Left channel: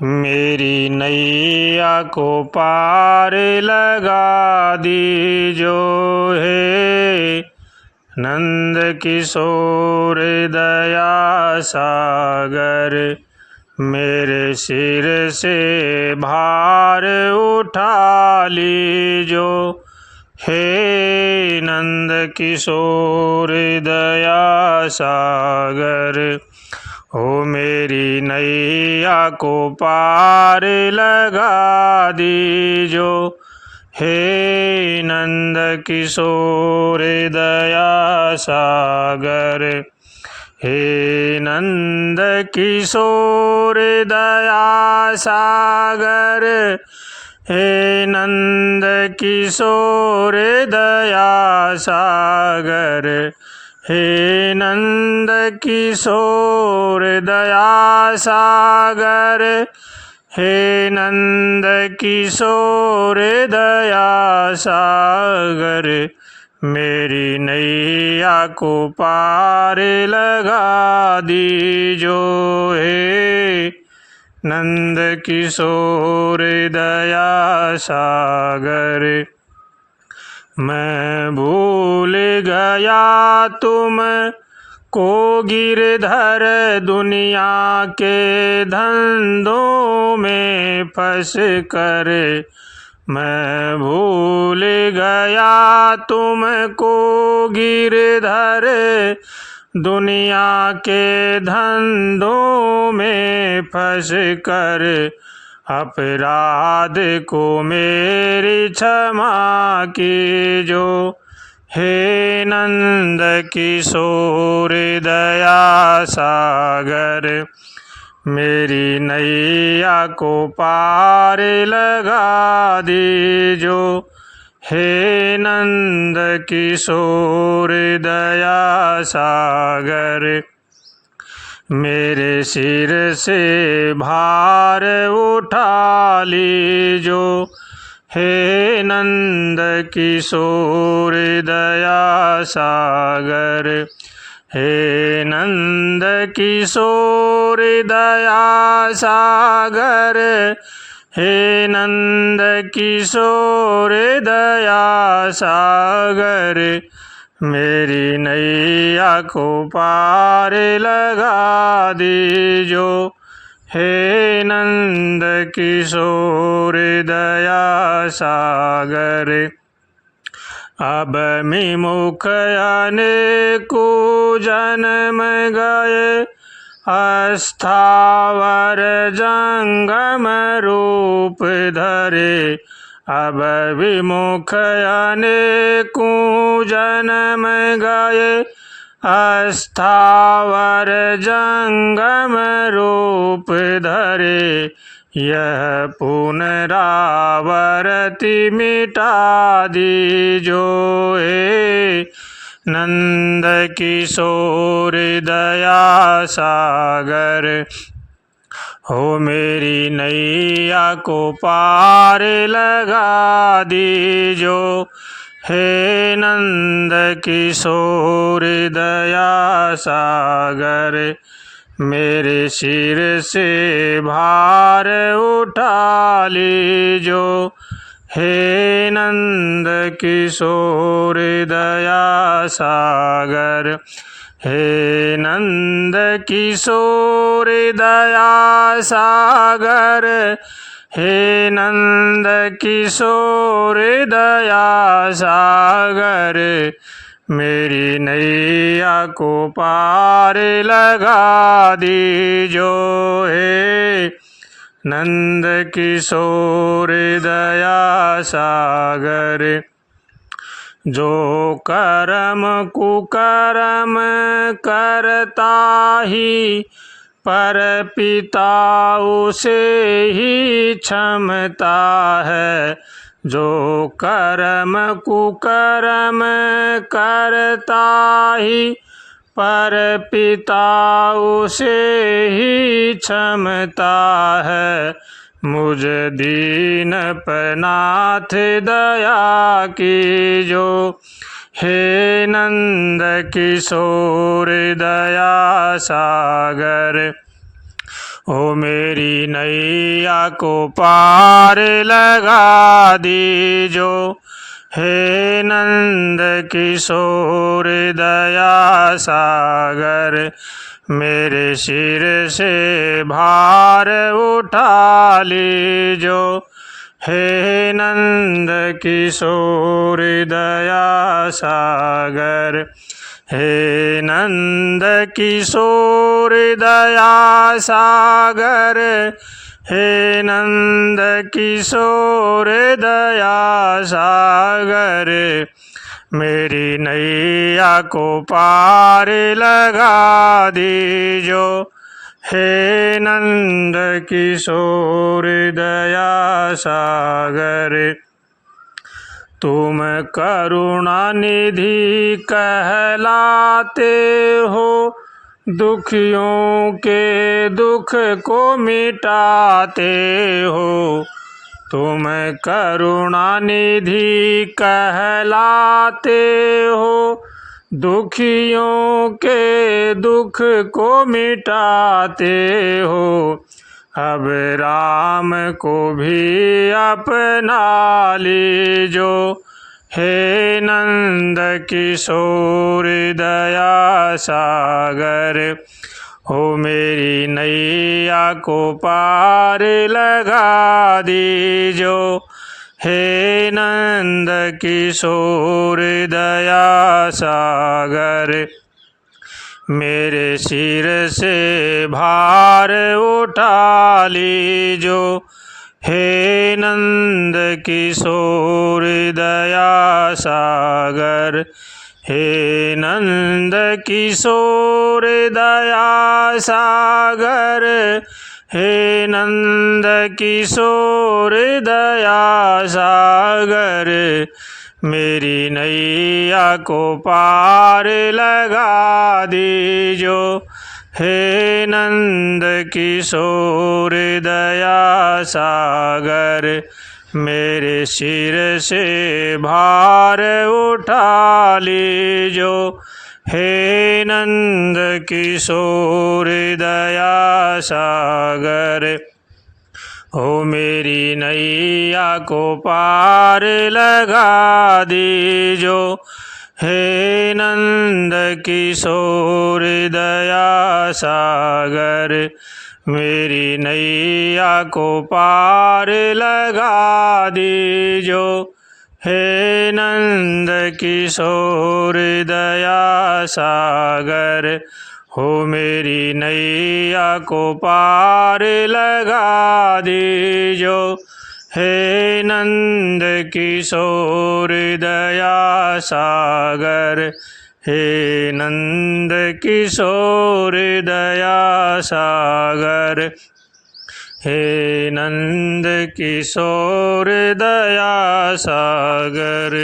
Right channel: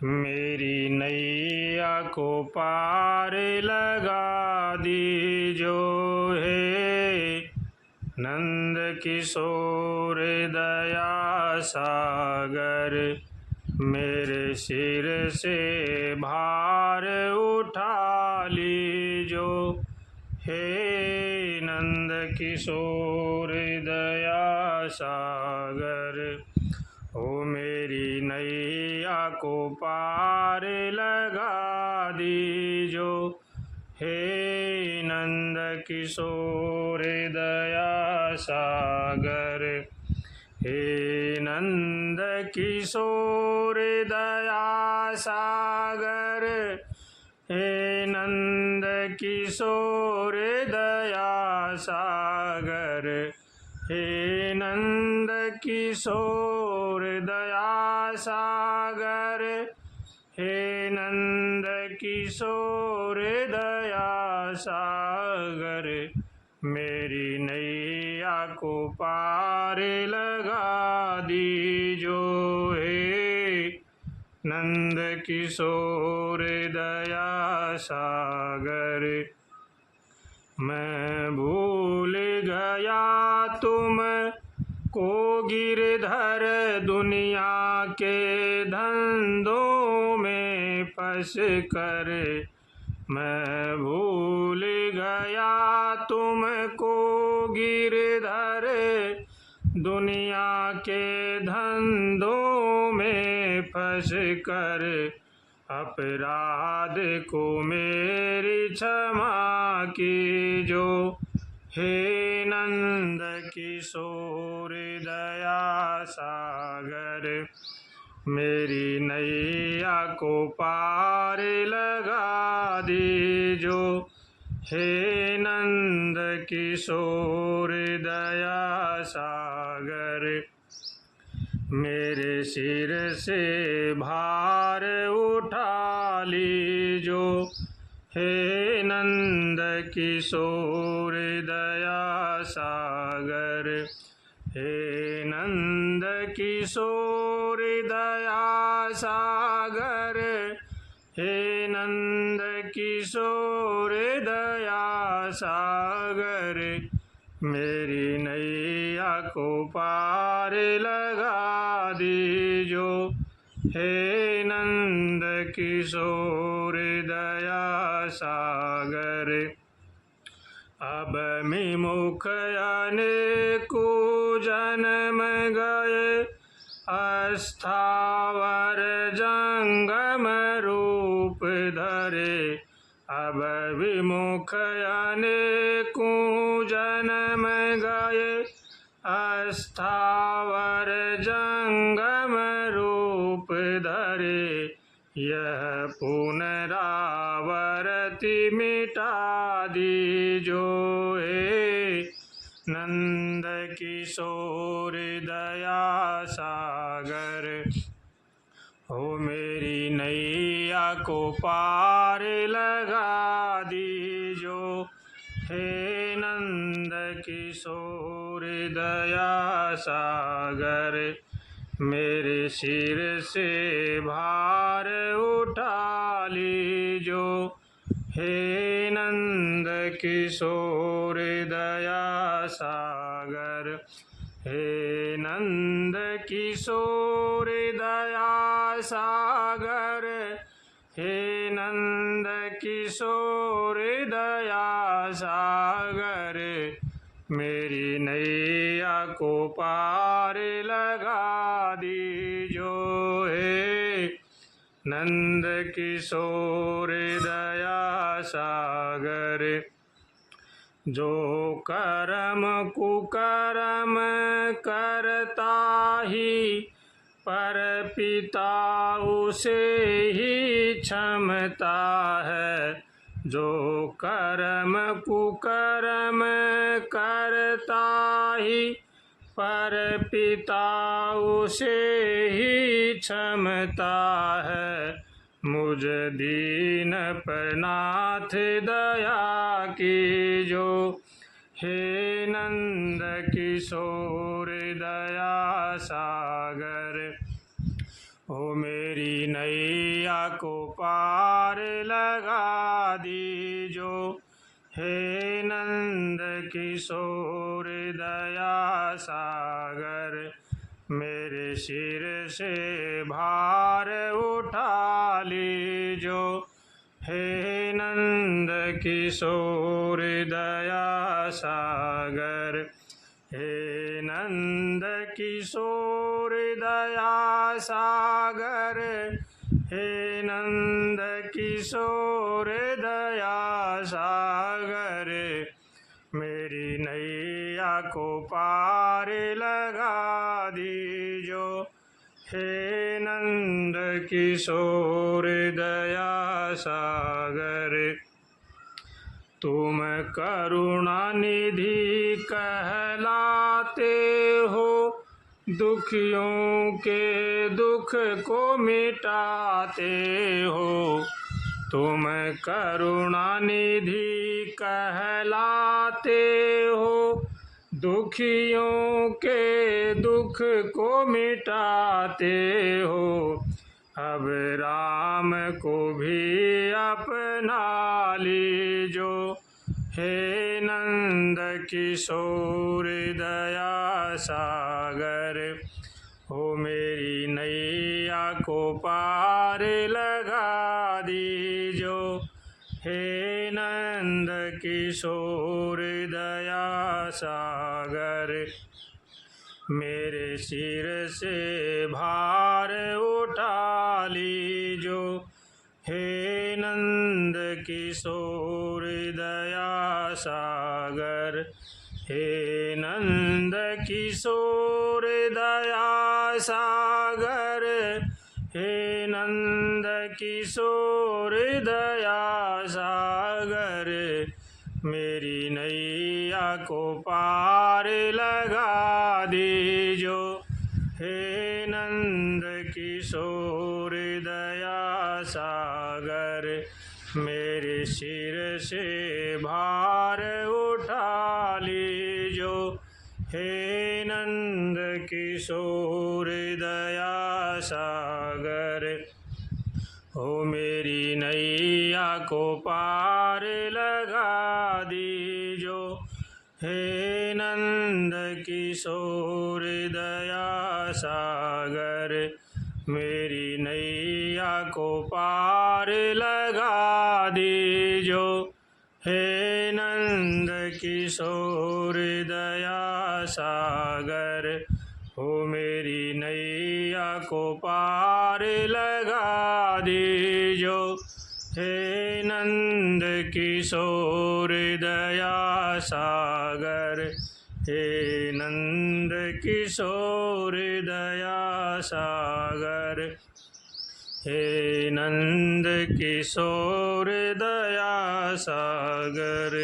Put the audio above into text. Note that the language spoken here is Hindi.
मेरी नैया को पार लगा दीजो हे नंद किशोर दया सागर। मेरे सिर से भार उठा लीजो हे नंद किशोर दया सागर। हो मेरी नैया को पार लगा दीजो हे नंद किशोर दया सागर। हे नंद किशोर दया सागर। हे नंद किशोर दया सागर। हे नंद किशोर दया सागर। हे नंद किशोर दया सागर। मेरी नैया को पार लगा दीजो हे नंद किशोर दया सागर। मैं भूल गया तुम को गिरधर दुनिया के धंधों में फंस कर। मैं भूल गया तुम को गिरधर दुनिया के धंधों में फंस कर। अपराध को मेरी क्षमा कीजो हे नंद किशोर दया सागर। मेरी नैया को पार लगा दीजो हे नंद किशोर दया सागर। मेरे सिर से भार उठा लीजो हे नंद किशोर दया सागर। हे नंद किशोर दया सागर। हे नंद किशोर दया सागर। मेरी नैया को पार लगा दीजो हे नंद किशोर दया सागर। अब विमुख अनेको जन्म गए अस्थावर जंगम रूप धरे। अब विमुख अनेकों जन्म गए अस्थावर जंगम रूप धरे। यह पुनरावृत्ति मिटा दीजो हे नंद किशोर दया सागर। हो मेरी नैया को पार लगा दीजो हे नंद किशोर दया सागर। मेरे सिर से भार उठा लीजो हे नंद किशोर दया सागर। हे नंद किशोर दया सागर। हे नंद किशोर दया सागर। मेरी नैया को पार लगा दीजो हे नंद किशोर दया सागर। जो कर्म कुकर्म करता ही पर पिता उसे ही क्षमता है। जो कर्म कुकर्म करता ही पर पिता उसे ही क्षमता है। मुझ दीन पर नाथ दया कीजो हे नंद किशोर दया सागर। हो मेरी नैया को पार लगा दीजो, हे नंद किशोर दया सागर, मेरे सिर से भार उठा लीजो, हे नंद किशोर दया सागर, हे नंद किशोर दया सागर, हे नंद किशोर दया सागर, मेरी नैया को पार लगा दीजो, हे नंद किशोर दया सागर, तुम करुणा निधि कहलाते हो, दुखियों के दुख को मिटाते हो, तुम करुणा निधि कहलाते हो, दुखियों के दुख को मिटाते हो, अब राम को भी अपना लीजो, हे नंद किशोर दया सागर, हो मेरी नैया को पार लगा दीजो, हे नंद किशोर दया सागर, मेरे सिर से भार उठा लीजो, हे नंद किशोर दया सागर, हे नंद किशोर दया सागर, हे नंद किशोर दया सागर, मेरी नैया को पार लगा दीजो, हे नंद किशोर दया सागर, मेरे सिर से भार उठा लीजो, हे नंद किशोर दया सागर, हो मेरी नैया को पार लगा दीजो, हे नंद किशोर दया सागर, मेरी नैया को पार लगा दीजो, हे नंद किशोर दया सागर, हो मेरी नैया को पार लगा दीजो, हे नंद किशोर दया सागर, हे नंद किशोर दया सागर, हे नंद किशोर दया सागर।